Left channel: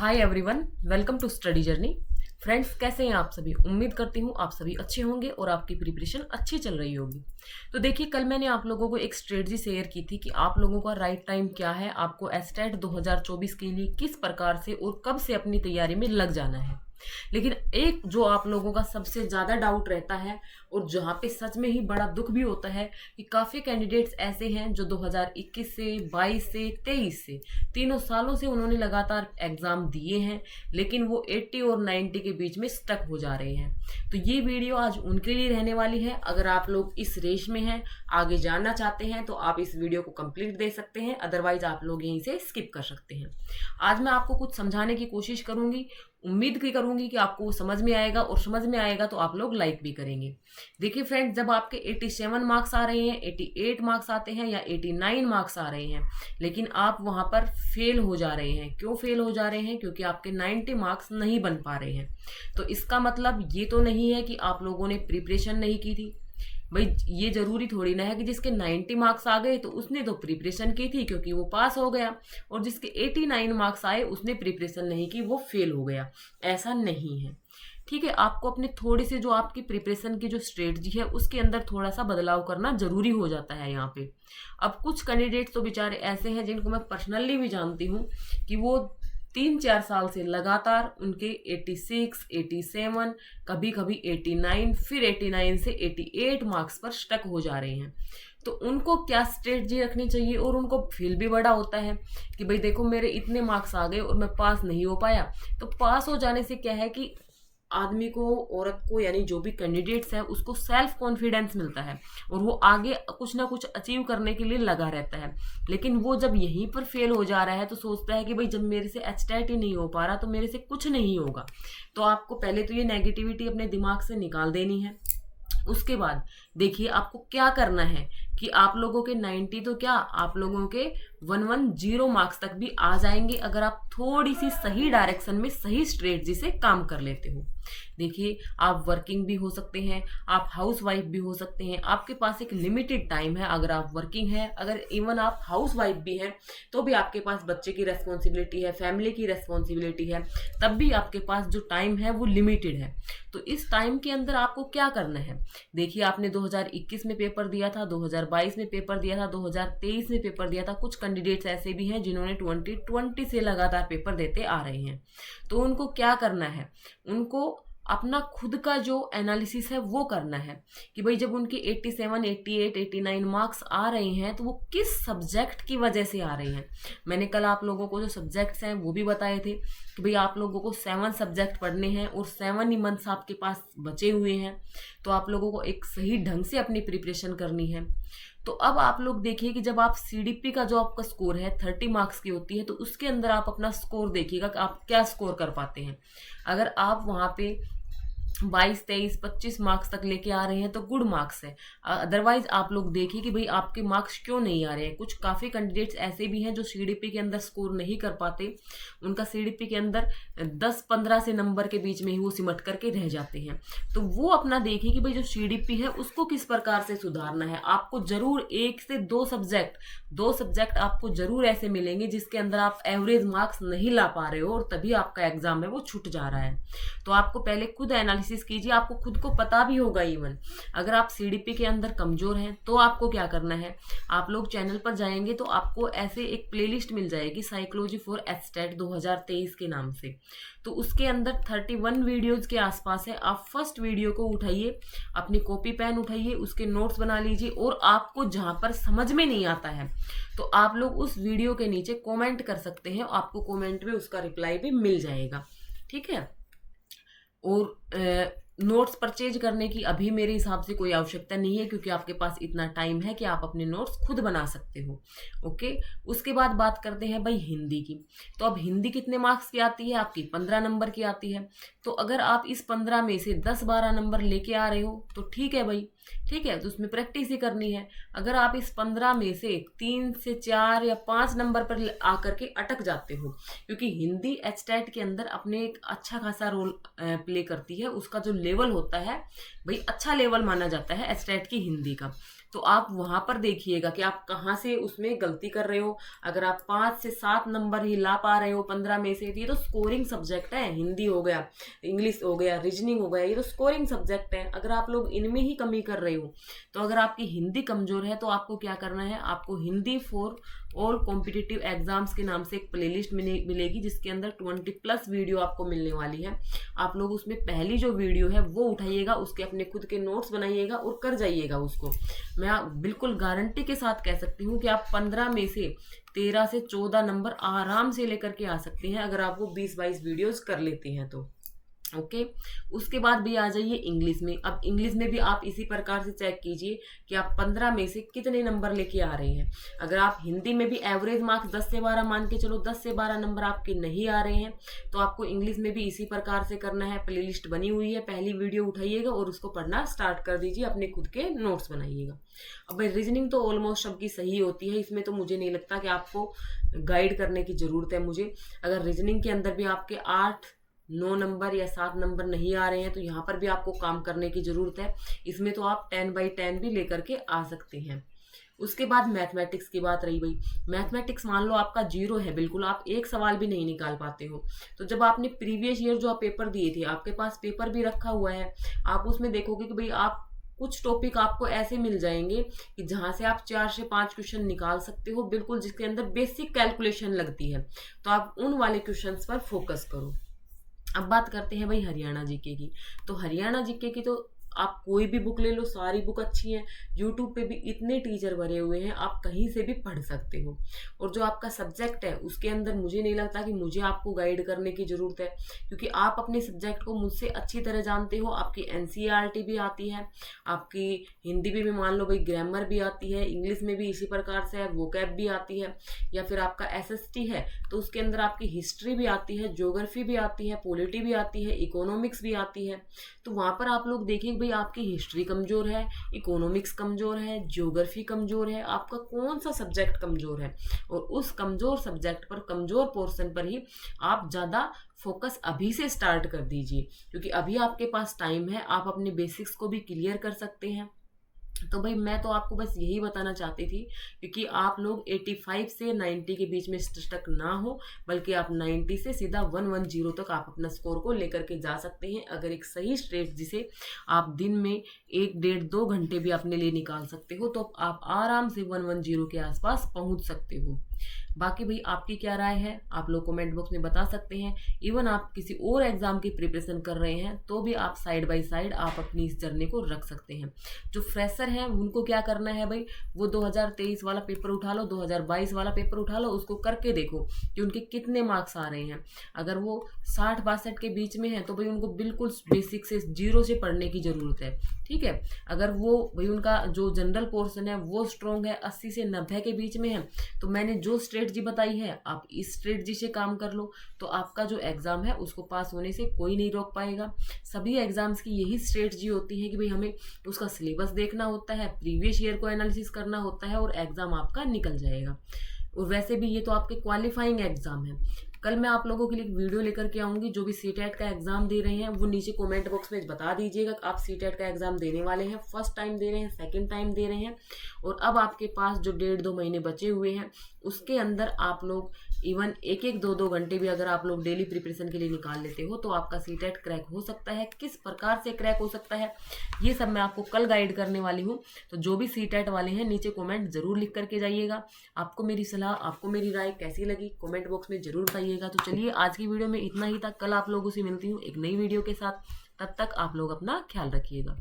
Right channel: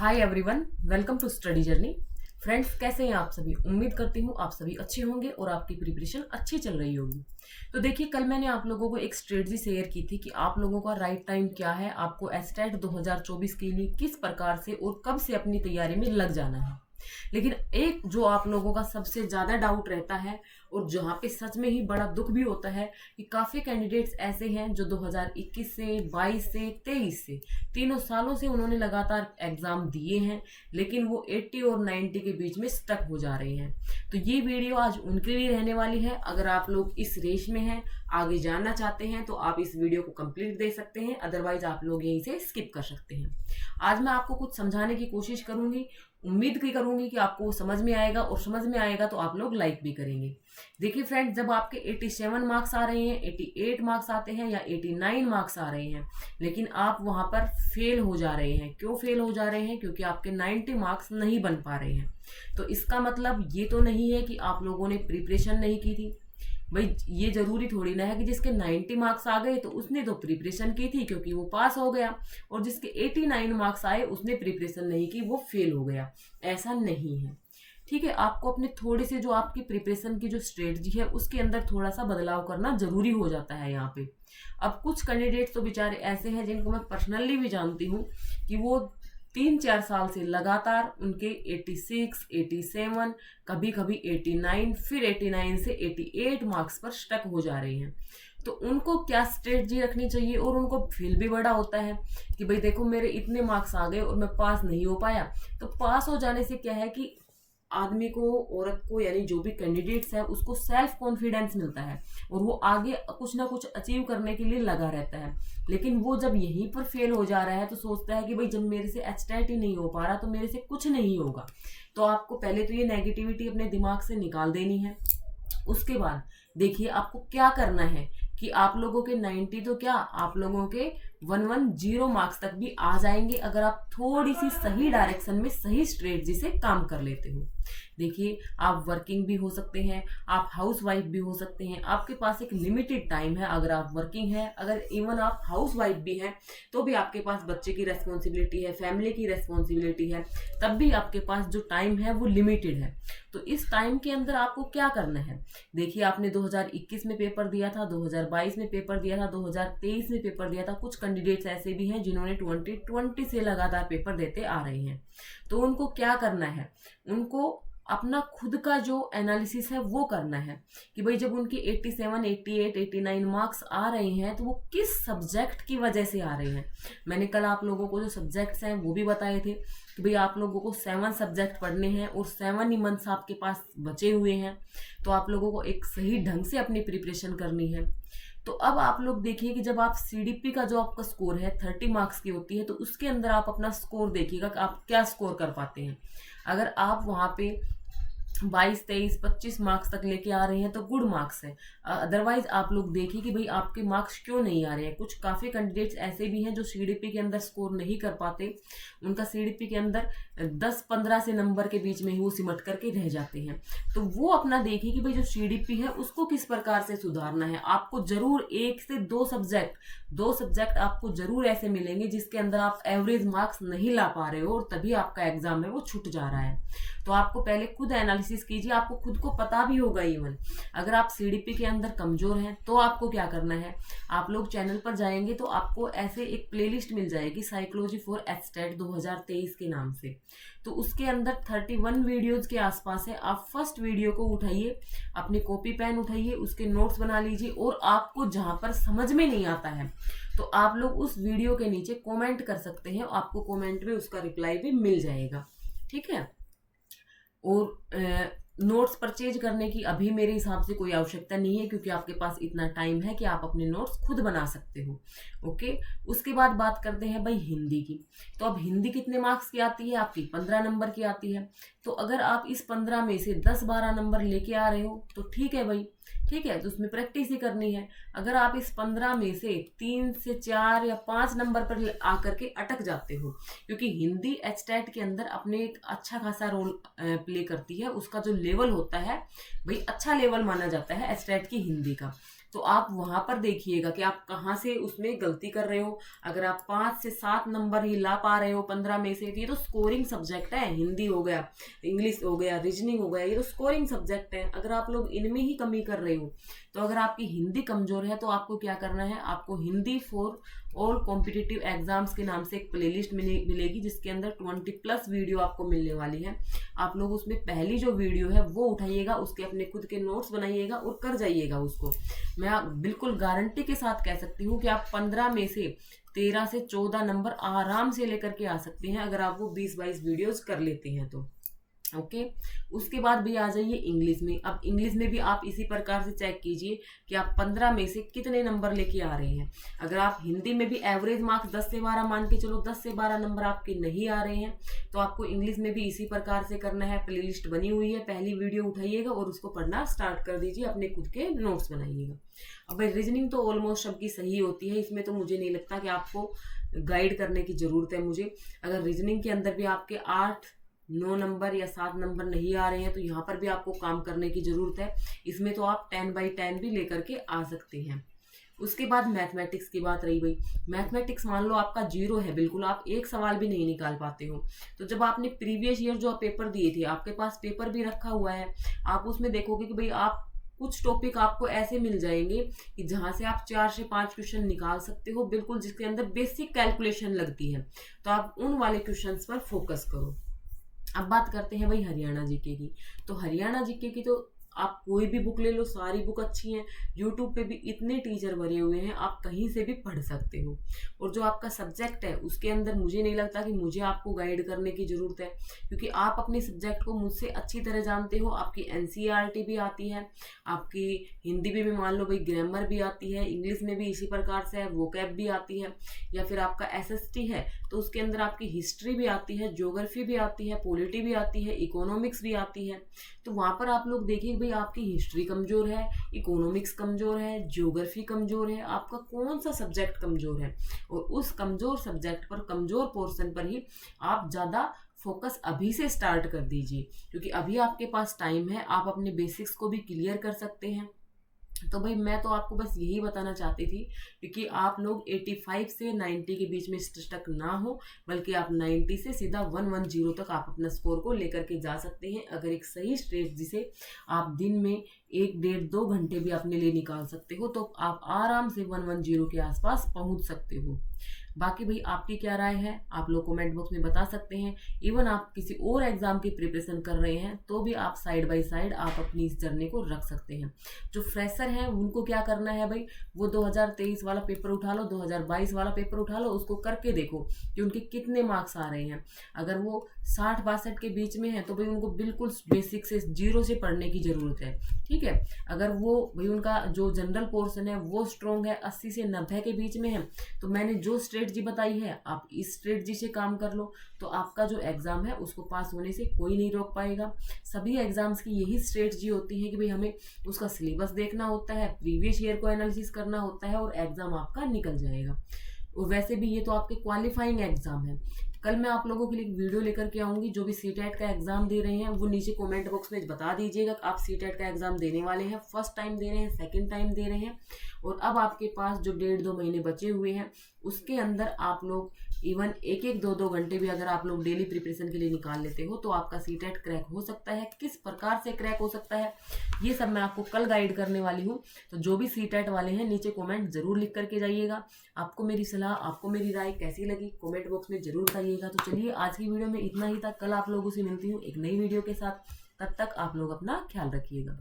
Hi everyone, welcome to study journey. Friends, कैसे हैं आप सभी? उम्मीद करती हूँ आप सभी अच्छे होंगे और आपकी प्रिपरेशन अच्छी चल रही होगी। तो देखिए, कल मैंने आप लोगों को एक स्ट्रेटजी शेयर की थी कि आप लोगों का राइट टाइम क्या है, आपको एस्टेट 2024 के लिए किस प्रकार से और कब से अपनी तैयारी में लग जाना है। लेकिन एक जो आप लोगों का सबसे ज़्यादा डाउट रहता है और जहाँ पे सच में ही बड़ा दुख भी होता है कि काफ़ी कैंडिडेट्स ऐसे हैं जो 2021 से 22 से 23 से तीनों सालों से उन्होंने लगातार एग्ज़ाम दिए हैं, लेकिन वो 80 और 90 के बीच में स्टक हो जा रहे हैं। तो ये वीडियो आज उनके लिए रहने वाली है। अगर आप लोग इस रेस में हैं, आगे जानना चाहते हैं, तो आप इस वीडियो को कंप्लीट देख सकते हैं, अदरवाइज आप लोग यहीं से स्किप कर सकते हैं। आज मैं आपको कुछ समझाने की कोशिश करूंगी, उम्मीद की करूंगी कि आपको वो समझ में आएगा, और समझ में आएगा तो आप लोग लाइक भी करेंगे। देखिए फ्रेंड्स, जब आपके 87 मार्क्स आ रहे हैं, 88 मार्क्स आते हैं या 89 मार्क्स आ रहे हैं, लेकिन आप वहां पर फेल हो जा रहे हैं। क्यों फेल हो जा रहे हैं? क्योंकि आपके 90 मार्क्स नहीं बन पा रहे हैं। तो इसका मतलब ये तो नहीं है कि आप लोगों ने प्रिपरेशन नहीं की थी। भाई, ये जरूरी थोड़ी ना है कि जिसके 90 मार्क्स आ गए तो उसने तो प्रिपरेशन की थी क्योंकि वो पास हो गया, और जिसके 89 मार्क्स आए उसने प्रिपरेशन नहीं की, वो फेल हो गया। ऐसा नहीं है। ठीक है, आपको अपने थोड़ी सी जो आपकी प्रिपरेशन की जो स्ट्रेटजी है उसके अंदर थोड़ा सा बदलाव करना जरूरी हो जाता है यहाँ पे। अब कुछ कैंडिडेट्स तो बेचारे ऐसे हैं जिनको मैं पर्सनली भी जानती हूँ कि वो 3-4 साल से लगातार उनके 86, 87, कभी कभी 89, फिर 89 से 88 मार्क्स पर स्टक हो जा रहे हैं। तो उनको क्या स्ट्रेटजी रखनी चाहिए? और उनको फील भी बड़ा होता है कि भाई देखो, मेरे इतने मार्क्स आ गए और मैं पास नहीं हो पाया। तो पास हो जाने से क्या है कि आदमी को, औरत को, यानी जो भी कैंडिडेट्स है उसको सेल्फ कॉन्फिडेंस मिलता है और वो आगे कुछ ना कुछ अचीव करने के लिए लगा रहता है। लेकिन वो जब यहीं पर फेल हो जा रहा है तो सोचता है कि भाई जब मेरे से एचटेट ही नहीं हो पा रहा तो मेरे से कुछ नहीं होगा। तो आपको पहले तो ये नेगेटिविटी अपने दिमाग से निकाल देनी है। उसके बाद देखिए आपको क्या करना है कि आप लोगों के 90 तो क्या, आप लोगों के 110 मार्क्स तक भी आ जाएंगे अगर आप थोड़ी सी सही डायरेक्शन में सही स्ट्रेटजी से काम कर लेते हो। देखिए, आप वर्किंग भी हो सकते हैं, आप हाउस वाइफ भी हो सकते हैं। आपके पास एक लिमिटेड टाइम है। अगर आप वर्किंग है, अगर इवन आप हाउस वाइफ भी हैं, तो भी आपके पास बच्चे की रेस्पॉन्सिबिलिटी है, फैमिली की रेस्पॉन्सिबिलिटी है, तब भी आपके पास जो टाइम है वो लिमिटेड है। तो इस टाइम के अंदर आपको क्या करना है? देखिए, आपने 2021 में पेपर दिया था, 2022 में पेपर दिया था, 2023 में पेपर दिया था। कुछ कैंडिडेट्स ऐसे भी हैं जिन्होंने 2020 से लगातार पेपर देते आ रहे हैं। तो उनको क्या करना है? उनको अपना खुद का जो एनालिसिस है वो करना है कि भाई जब उनके 87, 88, 89 मार्क्स आ रहे हैं तो वो किस सब्जेक्ट की वजह से आ रहे हैं। मैंने कल आप लोगों को जो सब्जेक्ट्स हैं वो भी बताए थे कि भाई आप लोगों को 7 सब्जेक्ट पढ़ने हैं और 7 ही मंथ्स आपके पास बचे हुए हैं। तो आप लोगों को एक सही ढंग से अपनी प्रिपरेशन करनी है। तो अब आप लोग देखिए कि जब आप सीडीपी का जो आपका स्कोर है 30 मार्क्स की होती है, तो उसके अंदर आप अपना स्कोर देखिएगा कि आप क्या स्कोर कर पाते हैं। अगर आप वहाँ पे 22, 23, 25 मार्क्स तक लेके आ रहे हैं तो गुड मार्क्स है। अदरवाइज आप लोग देखिए कि भाई आपके मार्क्स क्यों नहीं आ रहे हैं। कुछ काफ़ी कैंडिडेट्स ऐसे भी हैं जो सीडीपी के अंदर स्कोर नहीं कर पाते। उनका सीडीपी के अंदर 10-15 से नंबर के बीच में ही वो सिमट करके रह जाते हैं। तो वो अपना देखिए कि भाई जो सीडीपी है उसको किस प्रकार से सुधारना है। आपको जरूर 1 से 2 सब्जेक्ट आपको जरूर ऐसे मिलेंगे जिसके अंदर आप एवरेज मार्क्स नहीं ला पा रहे हो और तभी आपका एग्जाम है वो छूट जा रहा है। तो आपको पहले खुद एनालिसिस कीजिए। आपको खुद को पता भी होगा, इवन अगर आप सीडीपी के अंदर कमजोर हैं तो आपको क्या करना है। आप लोग चैनल पर जाएंगे तो आपको ऐसे एक प्लेलिस्ट मिल जाएगी, साइकोलॉजी फॉर एस्टेट 2023 के नाम से। तो उसके अंदर 31 वीडियोज के आसपास है। आप फर्स्ट वीडियो को उठाइए, अपनी कॉपी पेन उठाइए, उसके नोट्स बना लीजिए, और आपको जहां पर समझ में नहीं आता है तो आप लोग उस वीडियो के नीचे कमेंट कर सकते हैं। आपको कमेंट में उसका रिप्लाई भी मिल जाएगा। ठीक है। और नोट्स परचेज करने की अभी मेरे हिसाब से कोई आवश्यकता नहीं है, क्योंकि आपके पास इतना टाइम है कि आप अपने नोट्स खुद बना सकते हो। ओके। उसके बाद बात करते हैं भाई हिंदी की। तो अब हिंदी कितने मार्क्स की आती है? आपकी 15 नंबर की आती है। तो अगर आप इस 15 में से 10-12 नंबर लेके आ रहे हो तो ठीक है भाई, ठीक है, तो उसमें प्रैक्टिस ही करनी है। अगर आप इस 15 में से 3 से 4 या 5 नंबर पर आकर के अटक जाते हो, क्योंकि हिंदी एचटेट के अंदर अपने एक अच्छा खासा रोल प्ले करती है। उसका जो लेवल होता है भाई, अच्छा लेवल माना जाता है एचटेट की हिंदी का। तो आप वहाँ पर देखिएगा कि आप कहाँ से उसमें गलती कर रहे हो। अगर आप 5 से 7 नंबर ही ला पा रहे हो 15 में से, तो ये तो स्कोरिंग सब्जेक्ट है। हिंदी हो गया, इंग्लिश हो गया, रीजनिंग हो गया, ये तो स्कोरिंग सब्जेक्ट है। अगर आप लोग इनमें ही कमी कर रहे हो, तो अगर आपकी हिंदी कमजोर है तो आपको क्या करना है, आपको Hindi for all competitive exams के नाम से एक प्लेलिस्ट मिलेगी, जिसके अंदर 20+ वीडियो आपको मिलने वाली है। आप लोग उसमें पहली जो वीडियो है वो उठाइएगा, उसके अपने खुद के नोट्स बनाइएगा और कर जाइएगा उसको। मैं बिल्कुल गारंटी के साथ कह सकती हूँ कि आप 15 में से 13 से 14 नंबर आराम से लेकर के आ सकते हैं, अगर आप वो 20-22 वीडियोज कर लेते हैं तो। ओके। उसके बाद भी आ जाइए इंग्लिश में। अब इंग्लिश में भी आप इसी प्रकार से चेक कीजिए कि आप 15 में से कितने नंबर लेके आ रहे हैं। अगर आप हिंदी में भी एवरेज मार्क्स 10 से 12 मान के चलो, 10 से 12 नंबर आपके नहीं आ रहे हैं, तो आपको इंग्लिश में भी इसी प्रकार से करना है। प्लेलिस्ट बनी हुई है, पहली वीडियो उठाइएगा और उसको पढ़ना स्टार्ट कर दीजिए, अपने खुद के नोट्स बनाइएगा। अब भाई रीजनिंग तो ऑलमोस्ट सबकी सही होती है, इसमें तो मुझे नहीं लगता कि आपको गाइड करने की ज़रूरत है मुझे। अगर रीजनिंग के अंदर भी आपके 8-9 नंबर या 7 नंबर नहीं आ रहे हैं, तो यहाँ पर भी आपको काम करने की ज़रूरत है। इसमें तो आप 10/10 भी लेकर के आ सकते हैं। उसके बाद मैथमेटिक्स की बात रही भाई। मैथमेटिक्स मान लो आपका 0 है, बिल्कुल आप एक सवाल भी नहीं निकाल पाते हो, तो जब आपने प्रीवियस ईयर जो आप पेपर दिए थे, आपके पास पेपर भी रखा हुआ है, आप उसमें देखोगे कि भाई आप कुछ टॉपिक आपको ऐसे मिल जाएंगे कि जहाँ से आप 4 से 5 क्वेश्चन निकाल सकते हो, बिल्कुल जिसके अंदर बेसिक कैलकुलेशन लगती है, तो आप उन वाले क्वेश्चंस पर फोकस करो। अब बात करते हैं भाई हरियाणा जीके की। तो हरियाणा जीके की तो आप कोई भी बुक ले लो, सारी बुक अच्छी हैं। यूट्यूब पे भी इतने टीचर भरे हुए हैं, आप कहीं से भी पढ़ सकते हो। और जो आपका सब्जेक्ट है उसके अंदर मुझे नहीं लगता कि मुझे आपको गाइड करने की ज़रूरत है, क्योंकि आप अपने सब्जेक्ट को मुझसे अच्छी तरह जानते हो। आपकी एनसीईआरटी भी आती है, आपकी हिंदी में भी मान लो भाई ग्रामर भी आती है, इंग्लिश में भी इसी प्रकार से है, वोकैब भी आती है, या फिर आपका एसएसटी है तो उसके अंदर आपकी हिस्ट्री भी आती है, ज्योग्राफी भी आती है, पॉलिटी भी आती है, इकोनॉमिक्स भी आती है। तो वहाँ पर आप लोग देखिए भाई आपकी हिस्ट्री कमज़ोर है, इकोनॉमिक्स कमज़ोर है, ज्योग्राफी कमज़ोर है, आपका कौन सा सब्जेक्ट कमज़ोर है, और उस कमज़ोर सब्जेक्ट पर, कमज़ोर पोर्शन पर ही आप ज़्यादा फोकस अभी से स्टार्ट कर दीजिए, क्योंकि अभी आपके पास टाइम है, आप अपने बेसिक्स को भी क्लियर कर सकते हैं। तो भाई मैं तो आपको बस यही बताना चाहती थी, क्योंकि आप लोग 85 से 90 के बीच में स्टक ना हो, बल्कि आप 90 से सीधा 110 तक आप अपना स्कोर को लेकर के जा सकते हैं, अगर एक सही स्ट्रेटजी से आप दिन में 1-1.5-2 घंटे भी अपने लिए निकाल सकते हो, तो आप आराम से 110 के आसपास पहुंच सकते हो। बाकी भाई आपकी क्या राय है, आप लोग कमेंट बॉक्स में बता सकते हैं। इवन आप किसी और एग्जाम की प्रिपरेशन कर रहे हैं तो भी आप साइड बाय साइड आप अपनी इस जर्नी को रख सकते हैं। जो फ्रेशर हैं उनको क्या करना है भाई, वो 2023 वाला पेपर उठा लो, 2022 वाला पेपर उठा लो, उसको करके देखो कि उनके कितने मार्क्स आ रहे हैं। अगर वो 60-62 के बीच में है तो भाई उनको बिल्कुल बेसिक से 0 से पढ़ने की ज़रूरत है, ठीक है। अगर वो भाई उनका जो जनरल पोर्शन है वो स्ट्रॉन्ग है, 80 से 90 के बीच में है, तो मैंने जो स्ट्रेटजी बताई है आप इस स्ट्रेटजी से काम कर लो, तो आपका जो एग्ज़ाम है उसको पास होने से कोई नहीं रोक पाएगा। सभी एग्ज़ाम्स की यही स्ट्रेटजी होती है कि भाई हमें उसका सिलेबस देखना होता है, प्रीवियस ईयर को एनालिसिस करना होता है, और एग्ज़ाम आपका निकल जाएगा। और वैसे भी ये तो आपके क्वालिफाइंग एग्ज़ाम है। कल मैं आप लोगों के लिए एक वीडियो लेकर के आऊँगी, जो भी सीटेट का एग्ज़ाम दे रहे हैं वो नीचे कमेंट बॉक्स में बता दीजिएगा कि आप सीटेट का एग्ज़ाम देने वाले हैं, फर्स्ट टाइम दे रहे हैं, सेकंड टाइम दे रहे हैं, और अब आपके पास जो 1.5-2 महीने बचे हुए हैं उसके अंदर आप लोग इवन 1-1, 2-2 घंटे भी अगर आप लोग डेली प्रिपरेशन के लिए निकाल लेते हो तो आपका सीटेट क्रैक हो सकता है। किस प्रकार से क्रैक हो सकता है ये सब मैं आपको कल गाइड करने वाली हूँ। तो जो भी सीटेट वाले हैं नीचे कमेंट जरूर लिख करके जाइएगा। आपको मेरी सलाह, आपको मेरी राय कैसी लगी कमेंट बॉक्स में जरूर बताइएगा। तो चलिए आज की वीडियो में इतना ही था, कल आप लोगों से मिलती हूँ एक नई वीडियो के साथ। तब तक आप लोग अपना ख्याल रखिएगा।